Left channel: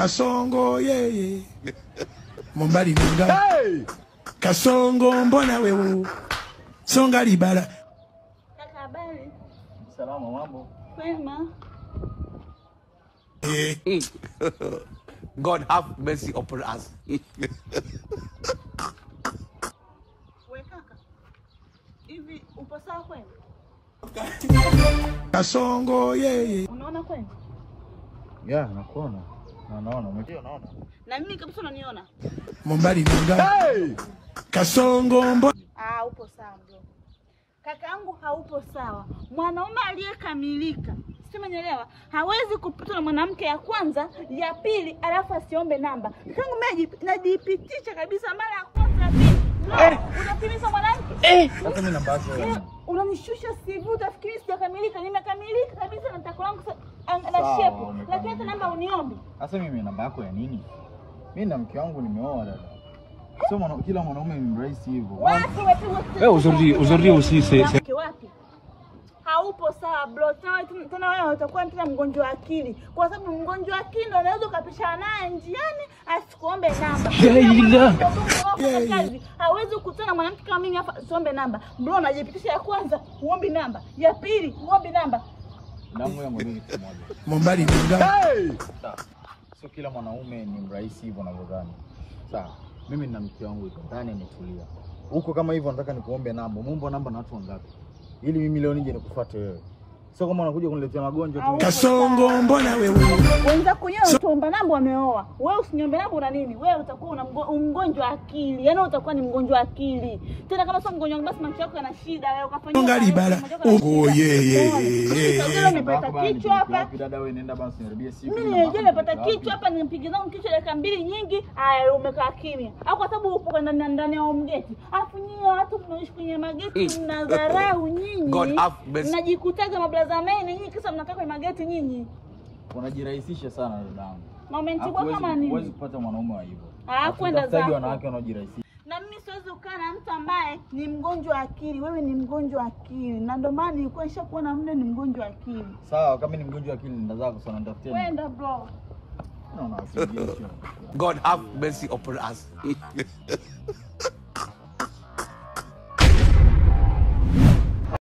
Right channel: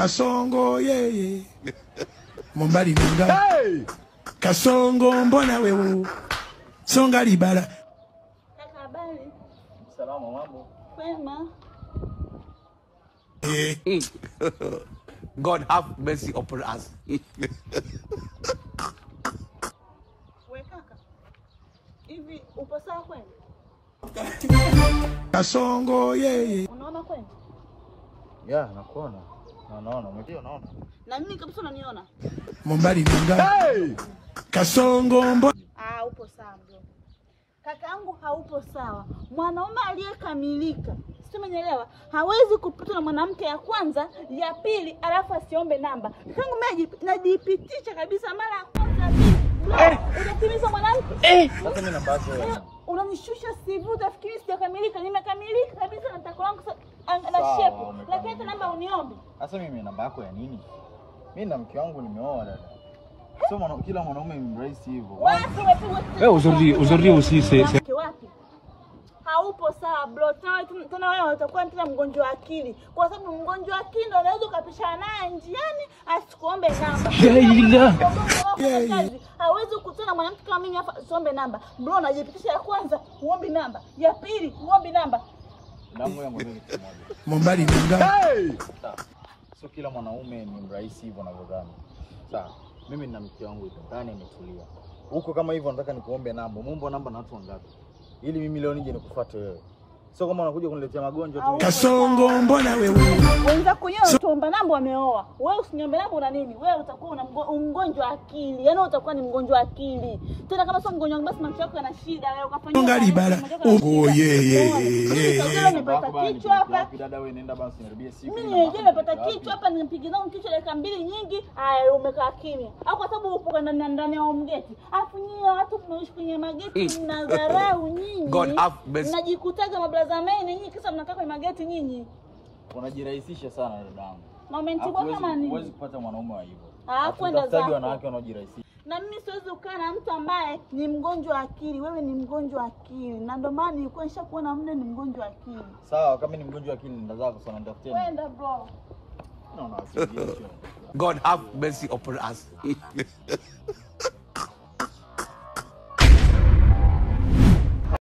Kasongo yeye Mombali ninga Kasongo mbona wewe Songa libala. Kaka habari? Salama mambo. Wema. God have mercy upon us. We kaka. Hivi upo sawa kweli? Kasongo yeye. Unaona kweli? Ya, nakuona. Naona, naona. Na mimi kabisa unaniona? Mombali ninga Kasongo mbona Upo sawa bro. Kaka yangu haupo sawa. Mwanaume aliyekamilika, si umeelewa? Hawezi kupita na mwanamke ya kwanza, ya pili, alafu asiombe namba. Kangu mimi najipitisha kabisa mara ya kwanza ya pili. Unatimiza mwanamke? Unanishusha CV, utafikiri sijakamilika. Nimekamilika kabisa, nataka langu na shepu. Lakini hata namba uniombe. Sasa mimi namba yako ya nini? Mimi na mke wangu nimeoa. Sio kila mwanaume ni rahisi hivyo. Aujourd'hui aussi c'est Wapi? Haupo sawa bro. Tena wewe utakuwa tena mgonjwa wa akili. Kwa sababu mgonjwa wa akili ndio unaweza kupishana naye njiani asikuombe namba. Hawezi kukutana mwanamke kama mimi hapa asiombe namba. Bro unajipitisha ya kwanza, uombe namba. Ya pili, uombe namba. Mombali ninga Sio kila mwanaume ni rahisi hivyo unavyodhani. Sawa. Mimi na mke wangu iko ndani nimetulia. Huko kama hivyo nataka nikuombe namba. Muombe namba na watu wangapi? Ili mimi leo nije nikufuate wewe. Sio kama unakuja kuniletea magonjwa tu. Kasongo mbona wewe Unataka kunyona tuomba namba umeoa. Wewe usiniombe namba una nini? Wewe utakuwa una mgonjwa wa akili. Yaani utakuwa ni mgonjwa wa akili. Tena kama sio mgonjwa basi macho yako yana shida. Wewe ukafanya Songa libala. Yeye. Nimepata kichwa hapa. Dada wewe nenda basi nirudie siku. Mimi nimepata kichwa hapa nimpige zangu kichwa dakika 2 nyingi. Haya umekaa kimya. Au kwa sababu upo ndani ya mgeti. Afu nyinyi watu tunaishi kwenye mageti mnadharau nyinyi. God have mercy. Mnajikutaga mablaza meni nyinyi kisa mnakaa kwenye mageti nyinyi. Unajirahisisha sana dadangu. Umenitibua kama nini? Huwezi kupata mwanaume wa hivyo. Kwenda zako. Wanawake wanaojirahisisha. Na mimi siwezi kukaa na mtu ambaye ni mgonjwa wa akili. Wewe ni mgonjwa wa akili. Na ndio maana nilikuwa nishakuona muda ni mgonjwa wa akili. Sawa, kama ni mgonjwa wa akili nenda zako sana nitafutie. Kwenda bro. No. God have mercy upon us.